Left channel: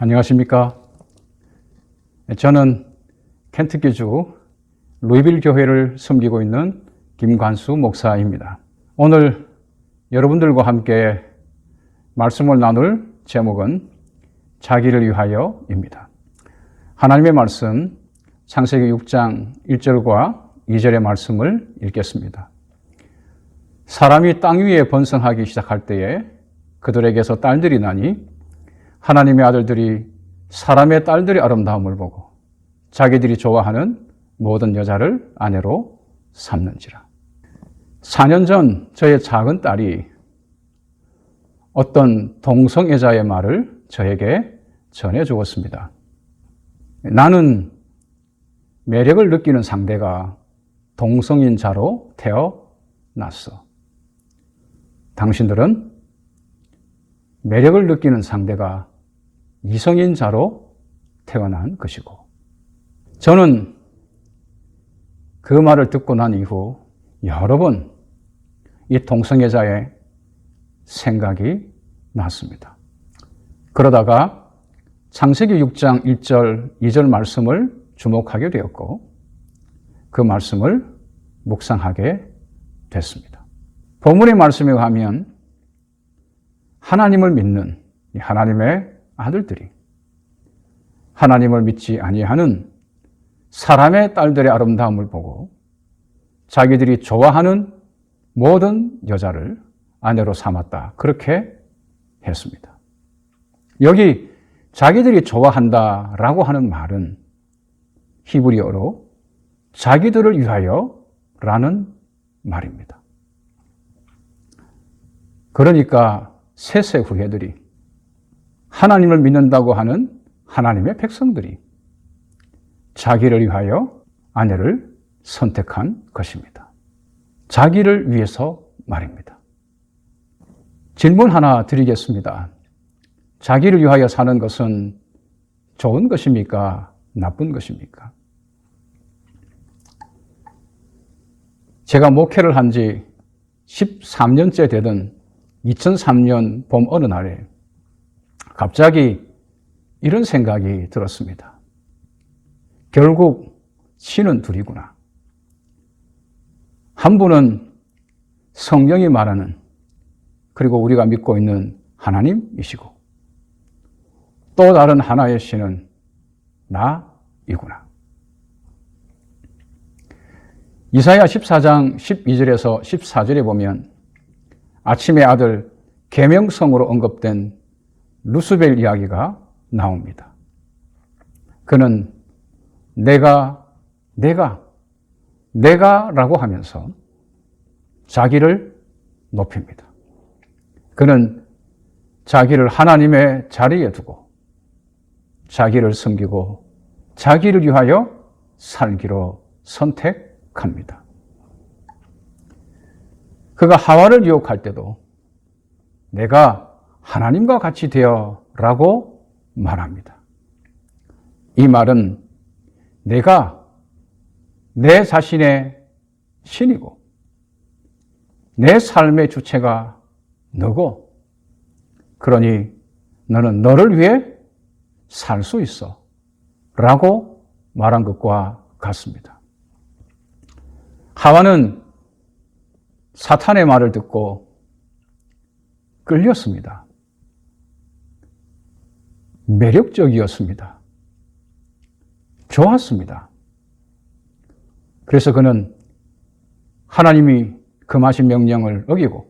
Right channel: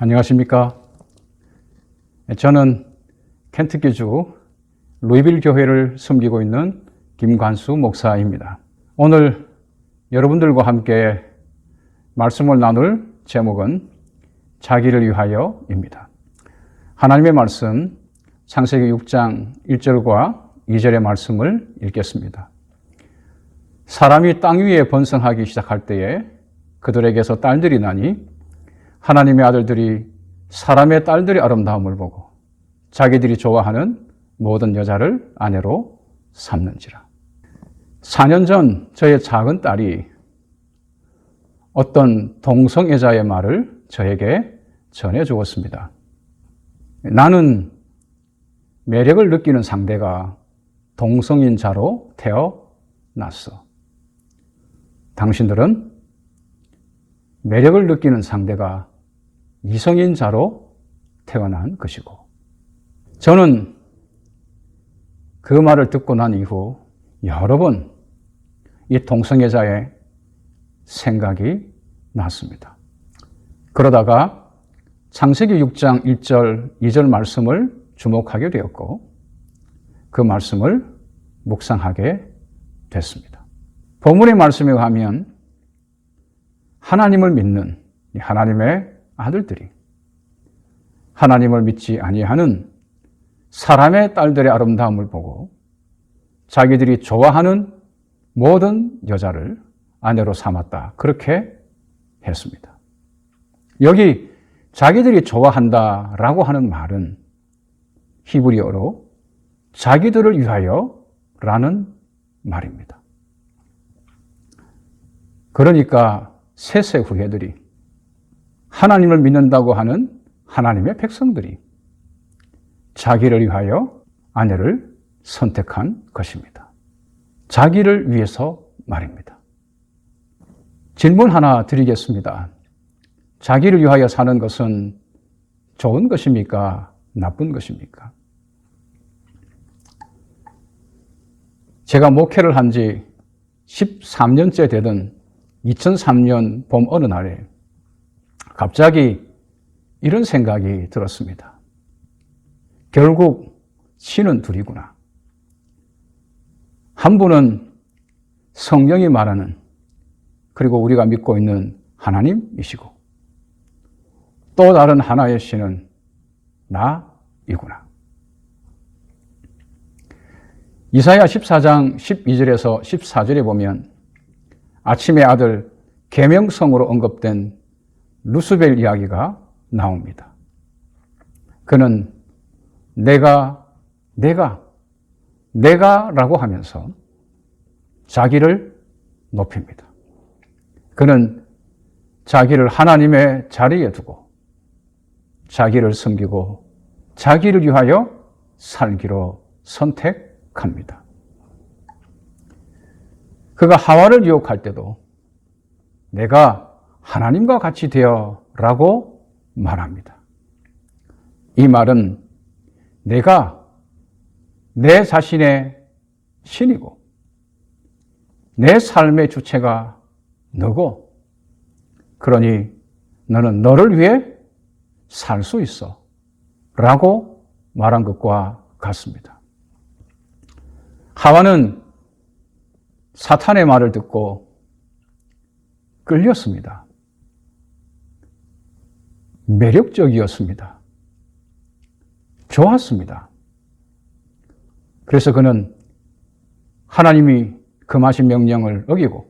안녕하십니까. 저는 켄터키주 루이빌 교회를 섬기고 있는 김관수 목사입니다. 오늘 여러분들과 함께 말씀을 나눌 제목은 자기를 위하여입니다. 하나님의 말씀 창세기 6장 1절과 2절의 말씀을 읽겠습니다. 사람이 땅 위에 번성하기 시작할 때에 그들에게서 딸들이 나니 하나님의 아들들이 사람의 딸들의 아름다움을 보고 자기들이 좋아하는 모든 여자를 아내로 삼는지라. 4년 전 저의 작은 딸이 어떤 동성애자의 말을 저에게 전해주었습니다. 나는 매력을 느끼는 상대가 동성인자로 태어났어. 당신들은 매력을 느끼는 상대가 이성인자로 태어난 것이고, 저는 그 말을 듣고 난 이후 여러 번 이 동성애자의 생각이 났습니다. 그러다가 창세기 6장 1절, 2절 말씀을 주목하게 되었고 그 말씀을 묵상하게 됐습니다. 본문의 말씀에 가면 하나님을 믿는 하나님의 아들들이 하나님을 믿지 아니하는 사람의 딸들의 아름다움을 보고 자기들이 좋아하는 모든 여자를 아내로 삼았다. 그렇게 했습니다. 여기 자기들이 좋아한다라고 하는 말은 히브리어로 자기들을 위하여라는 말입니다. 그러니까 셋의 후예들이 하나님을 믿는다고 하는 하나님의 백성들이 자기를 위하여 아내를 선택한 것입니다. 자기를 위해서 말입니다. 질문 하나 드리겠습니다. 자기를 위하여 사는 것은 좋은 것입니까? 나쁜 것입니까? 제가 목회를 한 지 13년째 되던 2003년 봄 어느 날에 갑자기 이런 생각이 들었습니다. 결국 신은 둘이구나. 한 분은 성경이 말하는, 그리고 우리가 믿고 있는 하나님이시고, 또 다른 하나의 신은 나이구나. 이사야 14장 12절에서 14절에 보면 아침의 아들 계명성으로 언급된 루스벨 이야기가 나옵니다. 그는 내가라고 하면서 자기를 높입니다. 그는 자기를 하나님의 자리에 두고 자기를 섬기고 자기를 위하여 살기로 선택합니다. 그가 하와를 유혹할 때도 내가 하나님과 같이 되어 라고 말합니다. 이 말은 내가 내 자신의 신이고 내 삶의 주체가 너고, 그러니 너는 너를 위해 살 수 있어 라고 말한 것과 같습니다. 하와는 사탄의 말을 듣고 끌렸습니다. 매력적이었습니다. 좋았습니다. 그래서 그는 하나님이 금하신 명령을 어기고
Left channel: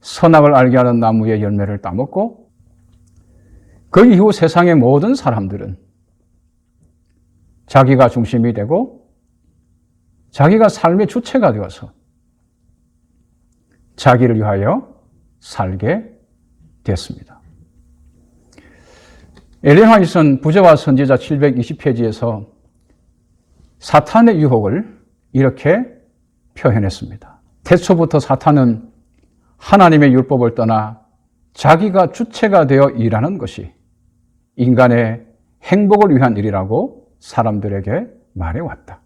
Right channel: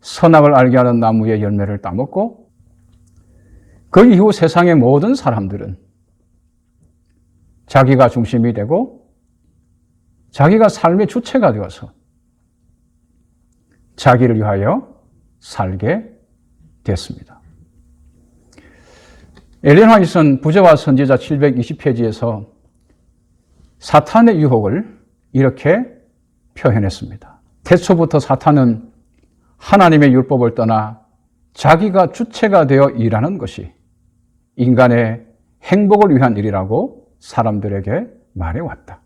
선악을 알게 하는 나무의 열매를 따먹고, 그 이후 세상의 모든 사람들은 자기가 중심이 되고 자기가 삶의 주체가 되어서 자기를 위하여 살게 됐습니다. 엘렌 화이트는 부자와 선지자 720페이지에서 사탄의 유혹을 이렇게 표현했습니다. 태초부터 사탄은 하나님의 율법을 떠나 자기가 주체가 되어 일하는 것이 인간의 행복을 위한 일이라고 사람들에게 말해왔다.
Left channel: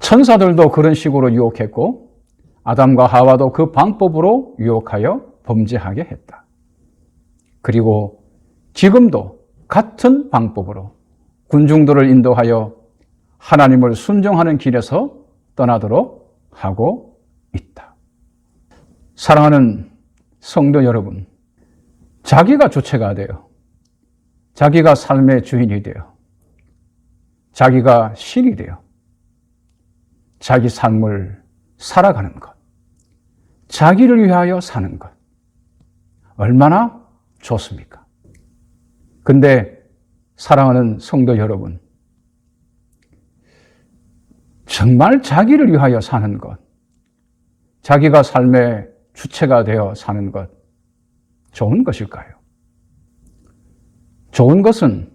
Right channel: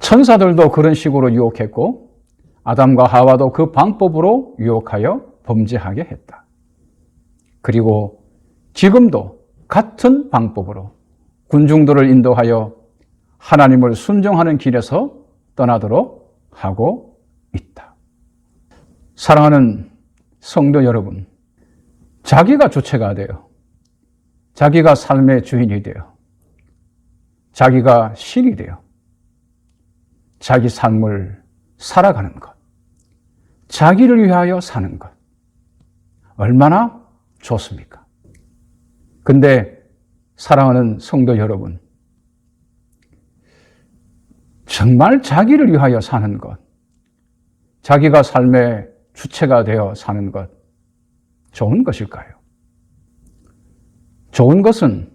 천사들도 그런 식으로 유혹했고 아담과 하와도 그 방법으로 유혹하여 범죄하게 했다. 그리고 지금도 같은 방법으로 군중들을 인도하여 하나님을 순종하는 길에서 떠나도록 하고 있다. 사랑하는 성도 여러분, 자기가 주체가 되어 자기가 삶의 주인이 되어 자기가 신이 되어 자기 삶을 살아가는 것, 자기를 위하여 사는 것, 얼마나 좋습니까? 근데 사랑하는 성도 여러분, 정말 자기를 위하여 사는 것, 자기가 삶의 주체가 되어 사는 것, 좋은 것일까요? 좋은 것은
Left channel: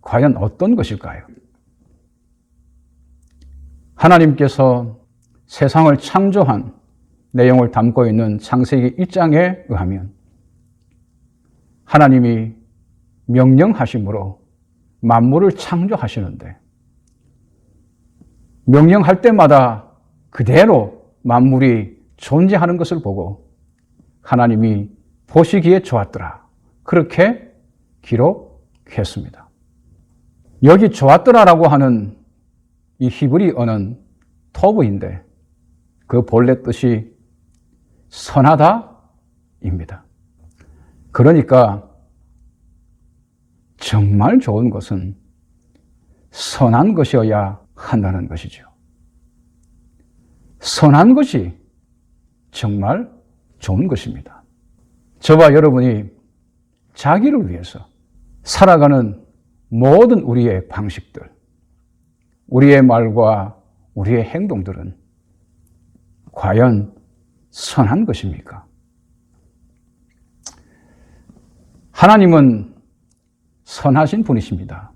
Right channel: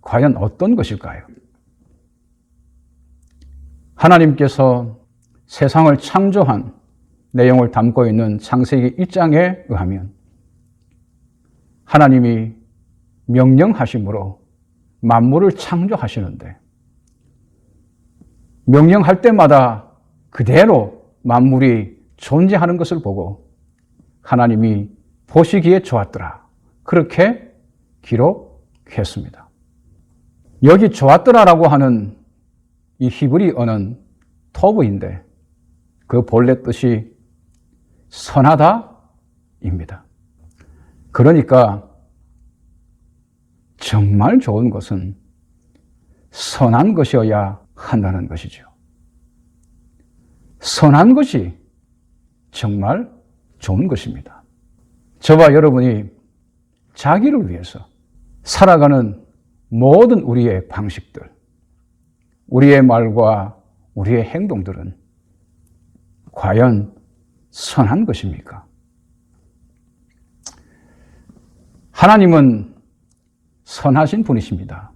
과연 어떤 것일까요? 하나님께서 세상을 창조한 내용을 담고 있는 창세기 1장에 의하면 하나님이 명령하심으로 만물을 창조하시는데 명령할 때마다 그대로 만물이 존재하는 것을 보고 하나님이 보시기에 좋았더라. 그렇게 기록했습니다. 여기 좋았더라라고 하는 이 히브리어는 토브입니다. 그 본래 뜻이 선하다입니다. 그러니까 정말 좋은 것은 선한 것이어야 한다는 것이죠. 선한 것이 정말 좋은 것입니다. 저와 여러분이 자기를 위해서 살아가는 모든 우리의 방식들, 우리의 말과 우리의 행동들은 과연 선한 것입니까? 하나님은 선하신 분이십니다.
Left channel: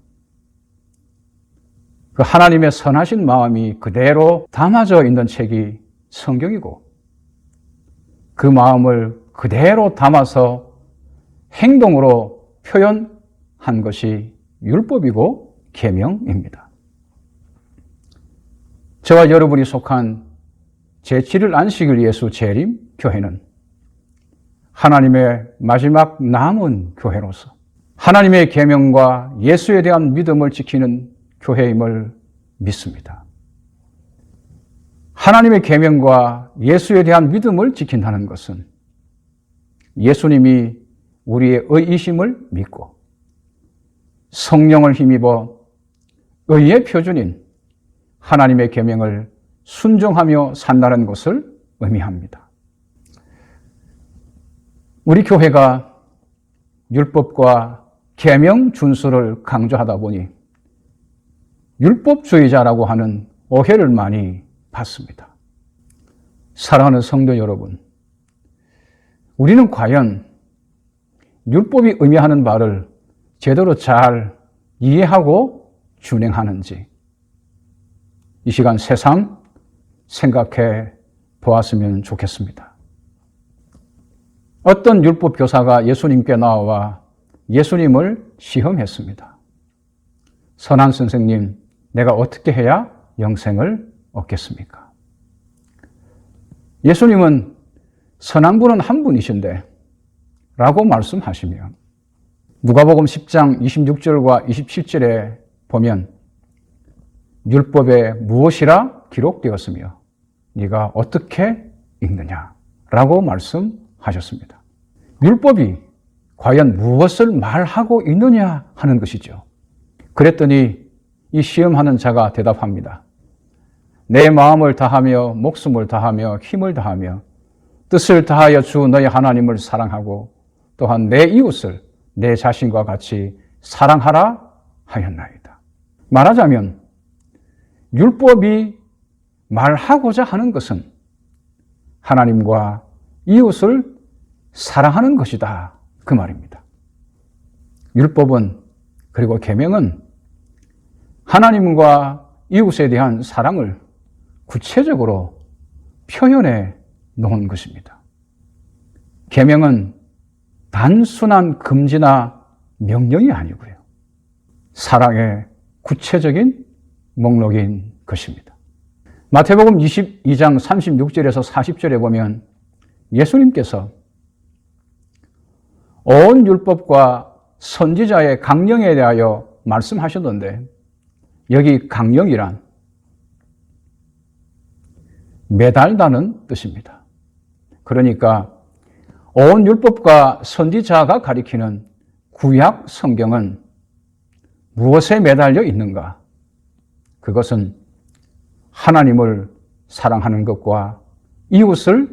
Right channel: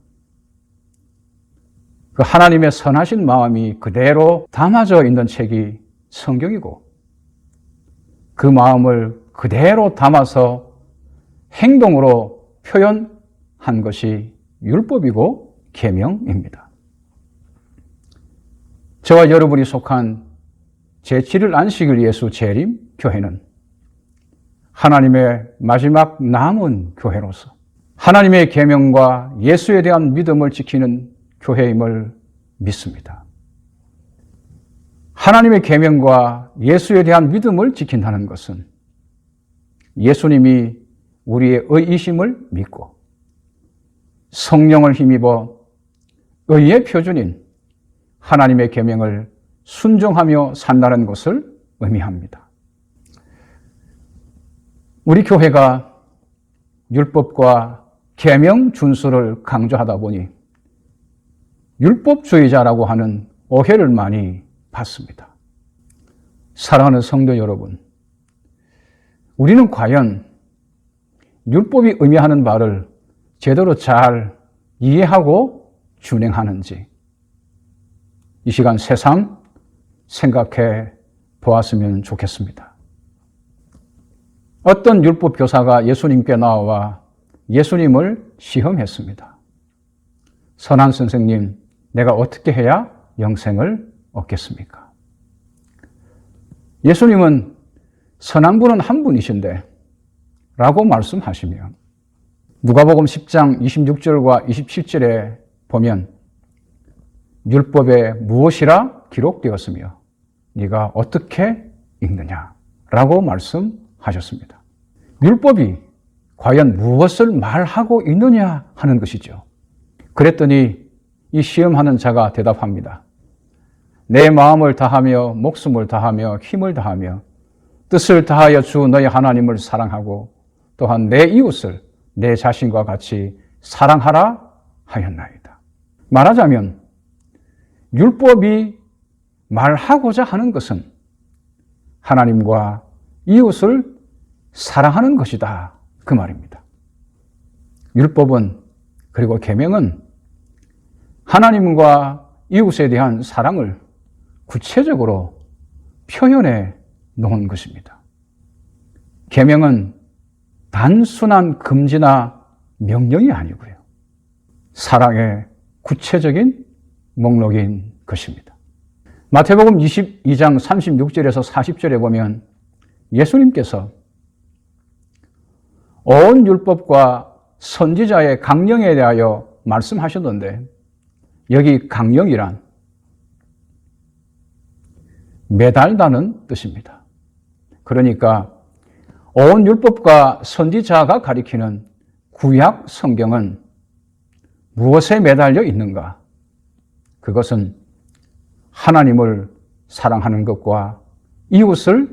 그 하나님의 선하신 마음이 그대로 담아져 있는 책이 성경이고 그 마음을 그대로 담아서 행동으로 표현한 것이 율법이고 계명입니다. 저와 여러분이 속한 제7일 안식일 예수 재림 교회는 하나님의 마지막 남은 교회로서 하나님의 계명과 예수에 대한 믿음을 지키는 교회임을 믿습니다. 하나님의 계명과 예수에 대한 믿음을 지킨다는 것은 예수님이 우리의 의이심을 믿고 성령을 힘입어 의의 표준인 하나님의 계명을 순종하며 산다는 것을 의미합니다. 우리 교회가 율법과 계명 준수를 강조하다 보니 율법주의자라고 하는 오해를 많이 받습니다. 사랑하는 성도 여러분, 우리는 과연 율법이 의미하는 바를 제대로 잘 이해하고 준행하는지 이 시간 세상 생각해 보았으면 좋겠습니다. 어떤 율법 교사가 예수님께 나와 예수님을 시험했습니다. 선한 선생님, 내가 어떻게 해야 영생을 얻겠습니까? 예수님은 선한 분은 한 분이신데 라고 말씀하시며 누가복음 10장 26절과 27절에 보면 율법에 무엇이라 기록되었으며 네가 어떻게 읽느냐라고 말씀하셨습니다. 율법이 과연 무엇을 말하고 있느냐 하는 것이죠. 그랬더니 이 시험하는 자가 대답합니다. 내 마음을 다하며 목숨을 다하며 힘을 다하며 뜻을 다하여 주 너희 하나님을 사랑하고 또한 내 이웃을 내 자신과 같이 사랑하라 하였나이다. 말하자면 율법이 말하고자 하는 것은 하나님과 이웃을 사랑하는 것이다. 그 말입니다. 율법은 그리고 계명은 하나님과 이웃에 대한 사랑을 구체적으로 표현해 놓은 것입니다. 계명은 단순한 금지나 명령이 아니고요. 사랑의 구체적인 목록인 것입니다. 마태복음 22장 36절에서 40절에 보면 예수님께서 온 율법과 선지자의 강령에 대하여 말씀하셨는데 여기 강령이란 매달다는 뜻입니다. 그러니까 온 율법과 선지자가 가리키는 구약 성경은 무엇에 매달려 있는가? 그것은 하나님을 사랑하는 것과 이웃을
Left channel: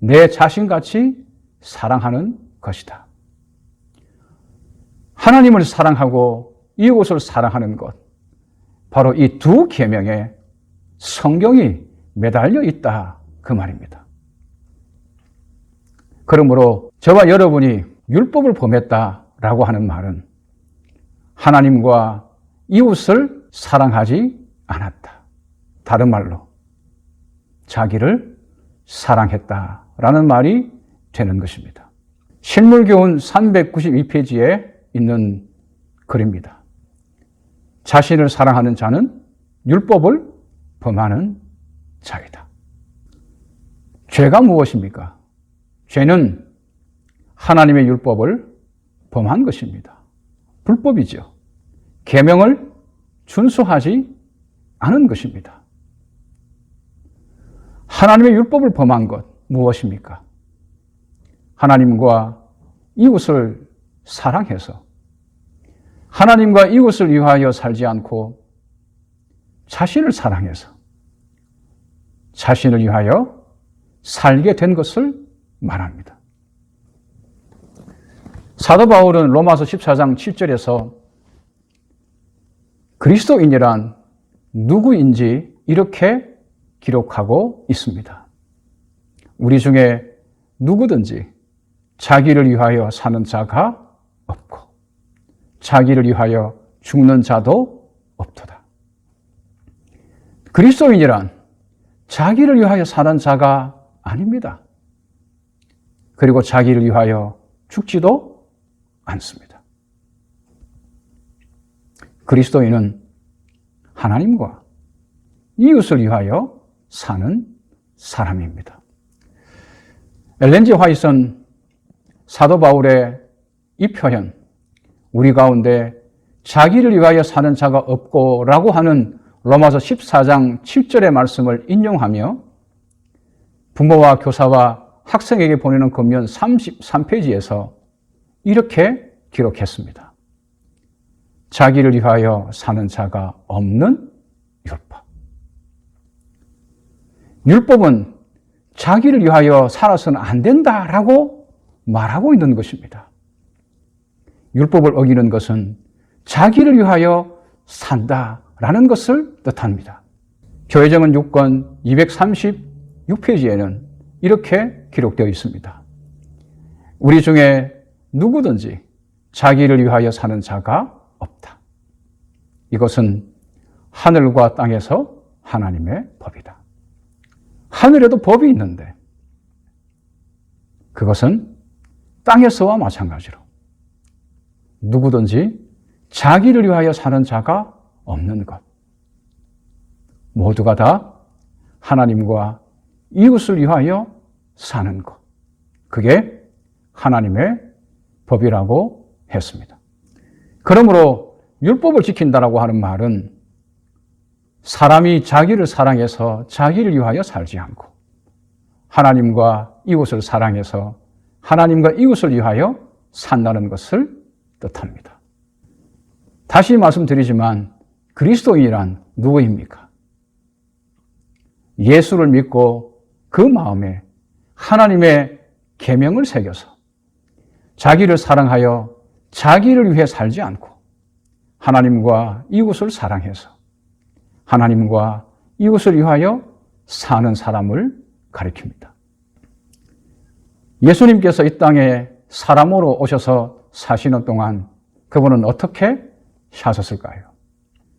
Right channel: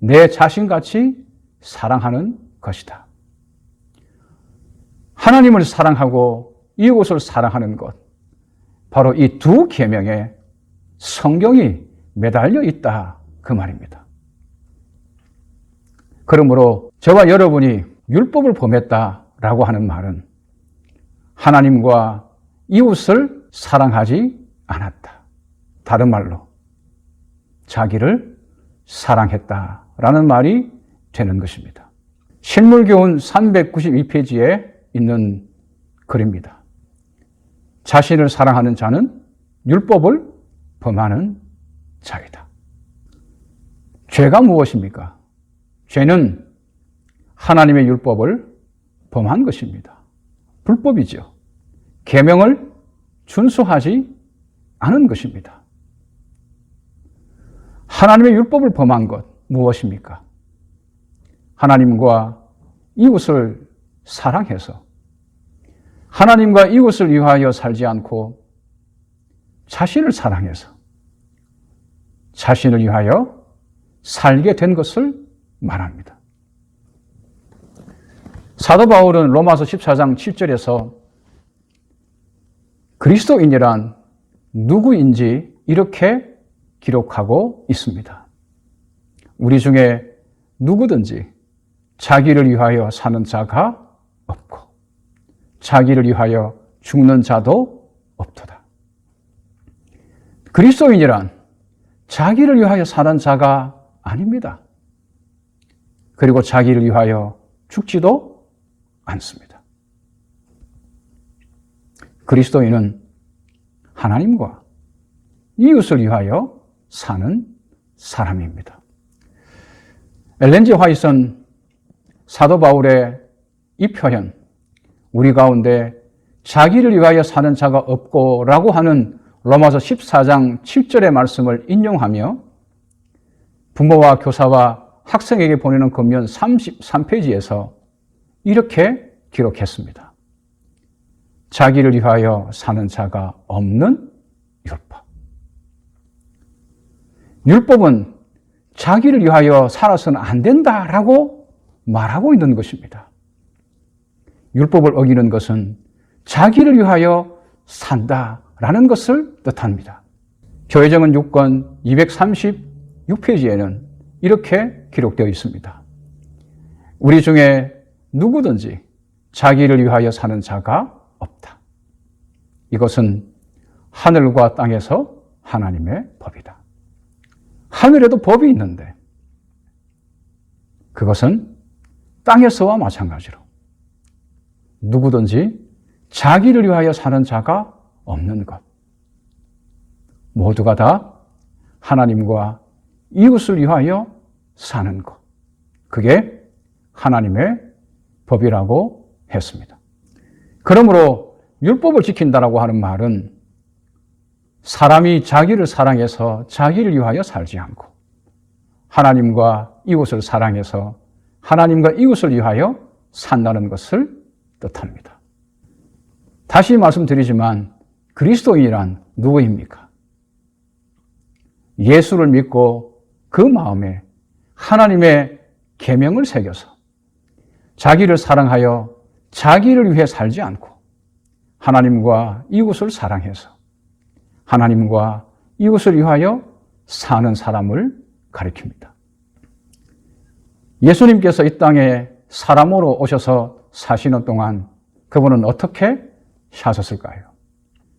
내 자신같이 사랑하는 것이다. 하나님을 사랑하고 이웃을 사랑하는 것, 바로 이 두 계명에 성경이 매달려 있다 그 말입니다. 그러므로 저와 여러분이 율법을 범했다라고 하는 말은 하나님과 이웃을 사랑하지 않았다. 다른 말로 자기를 사랑했다라는 말이 되는 것입니다. 신물교훈 392페이지에 있는 글입니다. 자신을 사랑하는 자는 율법을 범하는 자이다. 죄가 무엇입니까? 죄는 하나님의 율법을 범한 것입니다. 불법이죠. 계명을 준수하지 않은 것입니다. 하나님의 율법을 범한 것 무엇입니까? 하나님과 이웃을 사랑해서 하나님과 이웃을 위하여 살지 않고 자신을 사랑해서 자신을 위하여 살게 된 것을 말합니다. 사도 바울은 로마서 14장 7절에서 그리스도인이란 누구인지 이렇게 기록하고 있습니다. 우리 중에 누구든지 자기를 위하여 사는 자가 없고 자기를 위하여 죽는 자도 없도다. 그리스도인이란 자기를 위하여 사는 자가 아닙니다. 그리고 자기를 위하여 죽지도 않습니다. 그리스도인은 하나님과 이웃을 위하여 사는 사람입니다. 엘렌 G 화이트는 사도 바울의 이 표현, 우리 가운데 자기를 위하여 사는 자가 없고 라고 하는 로마서 14장 7절의 말씀을 인용하며 부모와 교사와 학생에게 보내는 권면 33페이지에서 이렇게 기록했습니다. 자기를 위하여 사는 자가 없는 율법. 율법은 자기를 위하여 살아서는 안 된다라고 말하고 있는 것입니다. 율법을 어기는 것은 자기를 위하여 산다라는 것을 뜻합니다. 교회정원 6권 236페이지에는 이렇게 기록되어 있습니다. 우리 중에 누구든지 자기를 위하여 사는 자가 없다. 이것은 하늘과 땅에서 하나님의 법이다. 하늘에도 법이 있는데 그것은 땅에서와 마찬가지로 자기를 위하여 사는 자가 없는 것. 모두가 다 하나님과 이웃을 위하여 사는 것. 그게 하나님의 법이라고 했습니다. 그러므로 율법을 지킨다라고 하는 말은 사람이 자기를 사랑해서 자기를 위하여 살지 않고 하나님과 이웃을 사랑해서 하나님과 이웃을 위하여 산다는 것을 뜻합니다. 다시 말씀드리지만 그리스도인이란 누구입니까? 예수를 믿고 그 마음에 하나님의 계명을 새겨서 자기를 사랑하여 자기를 위해 살지 않고 하나님과 이웃을 사랑해서 하나님과 이웃을 위하여 사는 사람을 가리킵니다. 예수님께서 이 땅에 사람으로 오셔서 사시는 동안 그분은 어떻게 사셨을까요?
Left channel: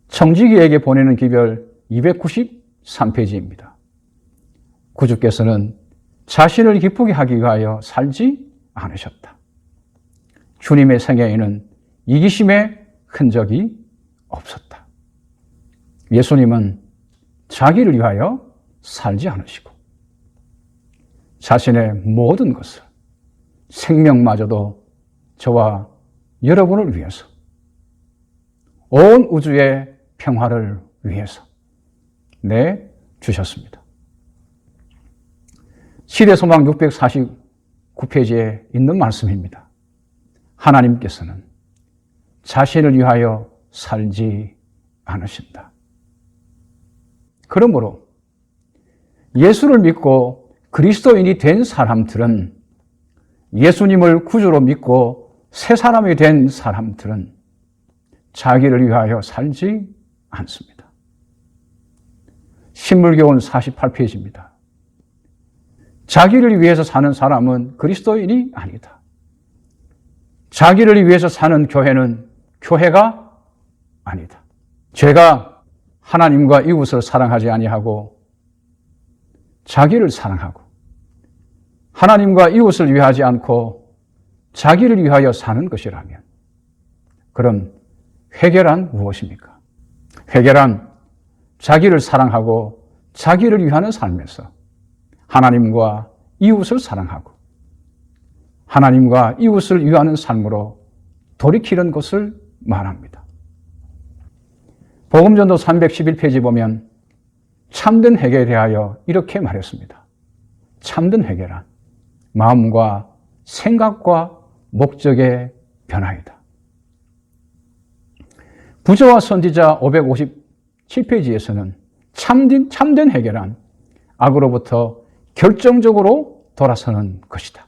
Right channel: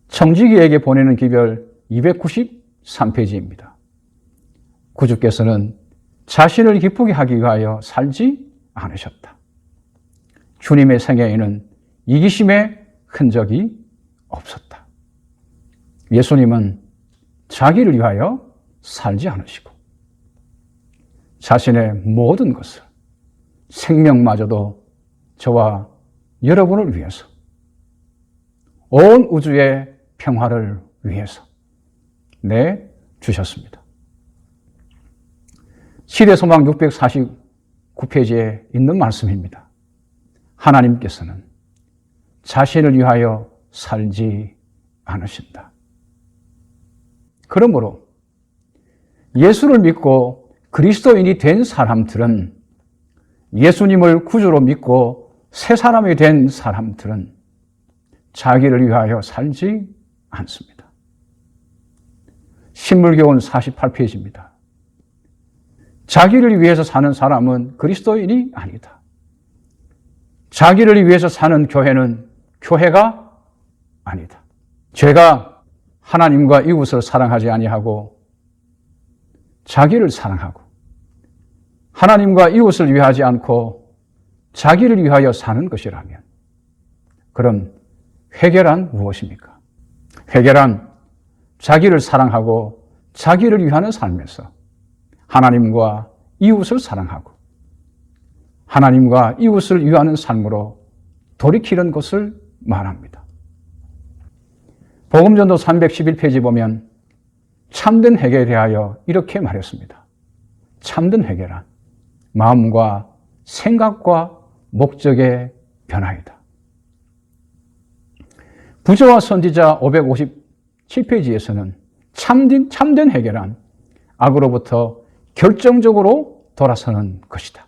청지기에게 보내는 기별 293페이지입니다. 구주께서는 자신을 기쁘게 하기 위하여 살지 않으셨다. 주님의 생애에는 이기심의 흔적이 없었다. 예수님은 자기를 위하여 살지 않으시고 자신의 모든 것을 생명마저도 저와 여러분을 위해서, 온 우주의 평화를 위해서 내주셨습니다. 시대소망 649페이지에 있는 말씀입니다. 하나님께서는 자신을 위하여 살지 않으신다. 그러므로 예수를 믿고 그리스도인이 된 사람들은, 예수님을 구주로 믿고 새 사람이 된 사람들은 자기를 위하여 살지 않습니다. 신물교훈 48페이지입니다. 자기를 위해서 사는 사람은 그리스도인이 아니다. 자기를 위해서 사는 교회는 교회가 아니다. 죄가 하나님과 이웃을 사랑하지 아니하고 자기를 사랑하고 하나님과 이웃을 위하지 않고 자기를 위하여 사는 것이라면, 그럼 회개란 무엇입니까? 회개란 자기를 사랑하고 자기를 위하는 삶에서 하나님과 이웃을 사랑하고 하나님과 이웃을 위하는 삶으로 돌이키는 것을 말합니다. 복음전도 311페이지 보면 참된 회개에 대하여 이렇게 말했습니다. 참된 회개란 마음과 생각과 목적의 변화이다. 부조와 선지자 557페이지에서는 참된 회개란 악으로부터 결정적으로 돌아서는 것이다.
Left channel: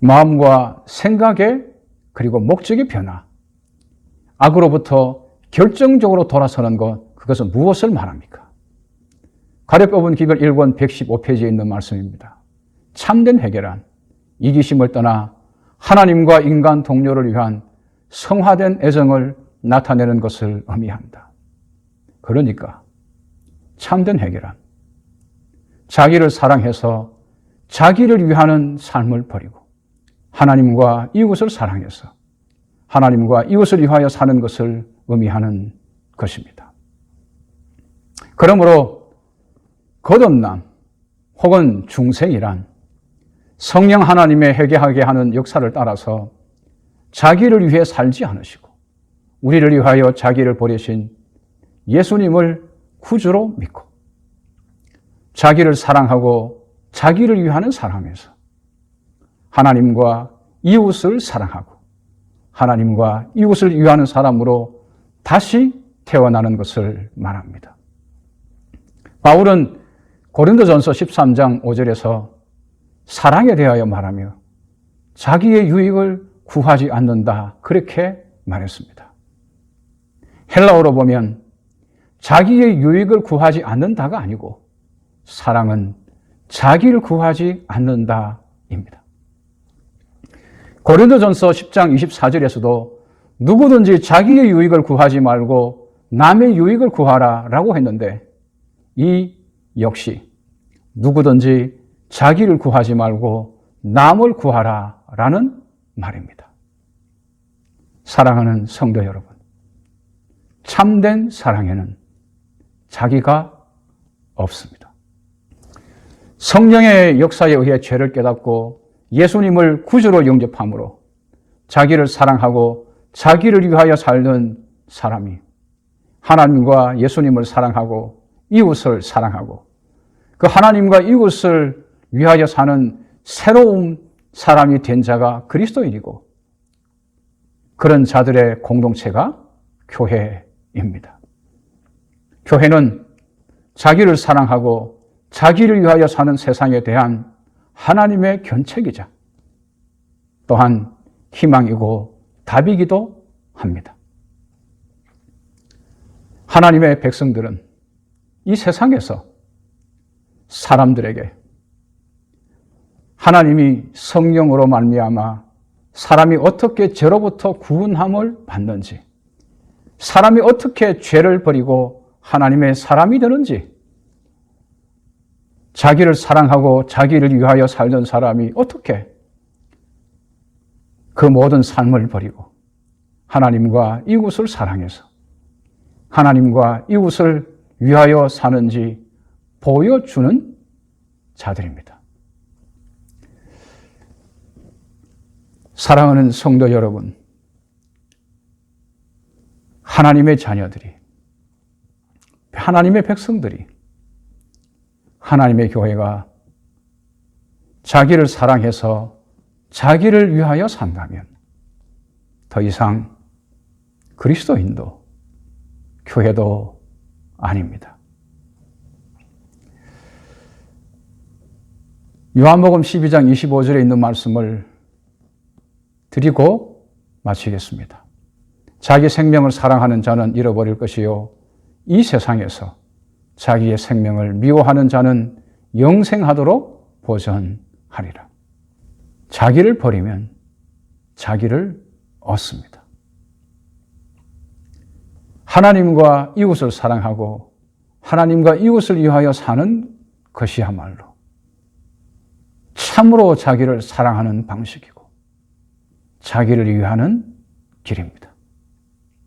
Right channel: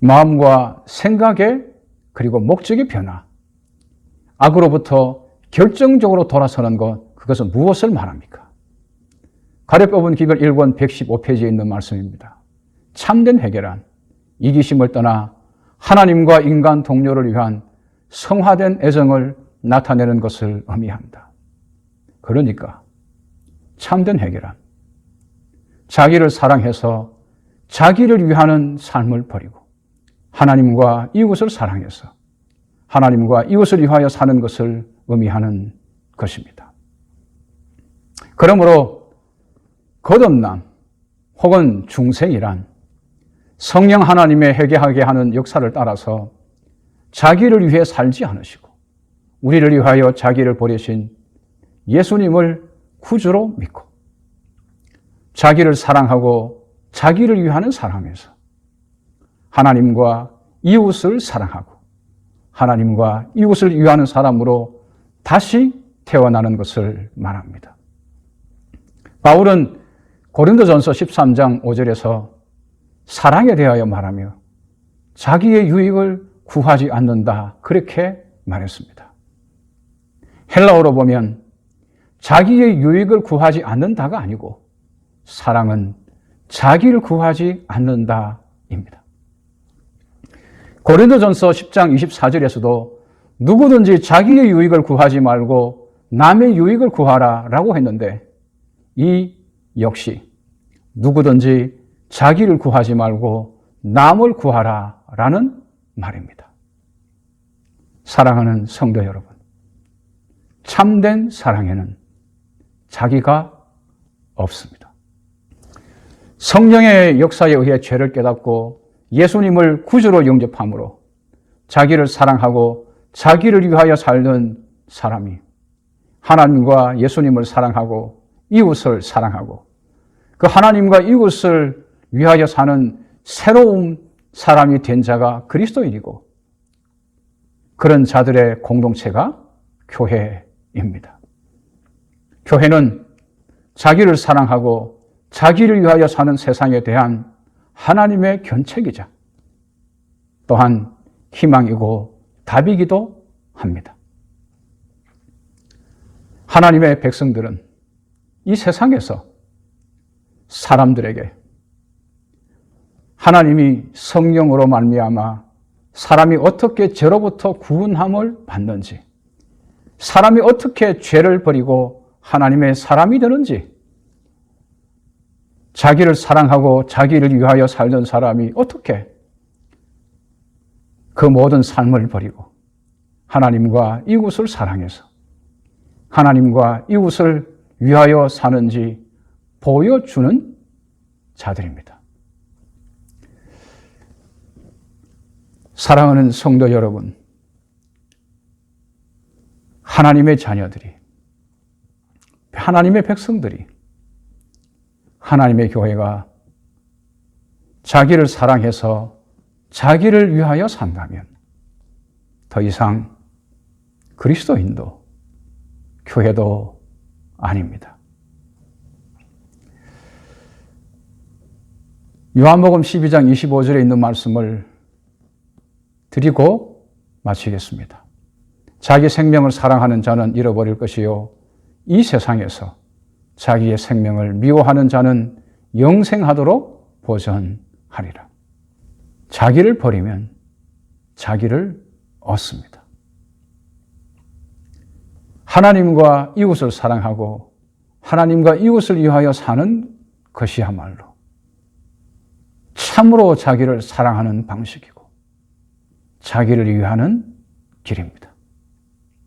마음과 생각의 그리고 목적의 변화, 악으로부터 결정적으로 돌아서는 것, 그것은 무엇을 말합니까? 가르법은 기별 1권 115페이지에 있는 말씀입니다. 참된 회개란 이기심을 떠나 하나님과 인간 동료를 위한 성화된 애정을 나타내는 것을 의미합니다. 그러니까 참된 회개란 자기를 사랑해서 자기를 위하는 삶을 버리고 하나님과 이웃을 사랑해서 하나님과 이웃을 위하여 사는 것을 의미하는 것입니다. 그러므로 거듭남 혹은 중생이란 성령 하나님의 회개하게 하는 역사를 따라서 자기를 위해 살지 않으시고 우리를 위하여 자기를 버리신 예수님을 구주로 믿고 자기를 사랑하고 자기를 위하는 사람에서 하나님과 이웃을 사랑하고 하나님과 이웃을 위하는 사람으로 다시 태어나는 것을 말합니다. 바울은 고린도전서 13장 5절에서 사랑에 대하여 말하며 자기의 유익을 구하지 않는다, 그렇게 말했습니다. 헬라어로 보면 자기의 유익을 구하지 않는다가 아니고 사랑은 자기를 구하지 않는다입니다. 고린도전서 10장 24절에서도 누구든지 자기의 유익을 구하지 말고 남의 유익을 구하라 라고 했는데, 이 역시 누구든지 자기를 구하지 말고 남을 구하라 라는 말입니다. 사랑하는 성도 여러분, 참된 사랑에는 자기가 없습니다. 성령의 역사에 의해 죄를 깨닫고 예수님을 구주로 영접함으로 자기를 사랑하고 자기를 위하여 살던 사람이 하나님과 예수님을 사랑하고 이웃을 사랑하고 그 하나님과 이웃을 위하여 사는 새로운 사람이 된 자가 그리스도인이고, 그런 자들의 공동체가 교회입니다. 교회는 자기를 사랑하고 자기를 위하여 사는 세상에 대한 하나님의 견책이자 또한 희망이고 답이기도 합니다. 하나님의 백성들은 이 세상에서 사람들에게 하나님이 성령으로 말미암아 사람이 어떻게 죄로부터 구원함을 받는지, 사람이 어떻게 죄를 버리고 하나님의 사람이 되는지, 자기를 사랑하고 자기를 위하여 살던 사람이 어떻게 그 모든 삶을 버리고 하나님과 이웃을 사랑해서 하나님과 이웃을 위하여 사는지 보여주는 자들입니다. 사랑하는 성도 여러분, 하나님의 자녀들이, 하나님의 백성들이, 하나님의 교회가 자기를 사랑해서 자기를 위하여 산다면 더 이상 그리스도인도 교회도 아닙니다. 요한복음 12장 25절에 있는 말씀을 드리고 마치겠습니다. 자기 생명을 사랑하는 자는 잃어버릴 것이요 이 세상에서 자기의 생명을 미워하는 자는 영생하도록 보전하리라. 자기를 버리면 자기를 얻습니다. 하나님과 이웃을 사랑하고 하나님과 이웃을 위하여 사는 것이야말로 참으로 자기를 사랑하는 방식이고 자기를 위하는 길입니다.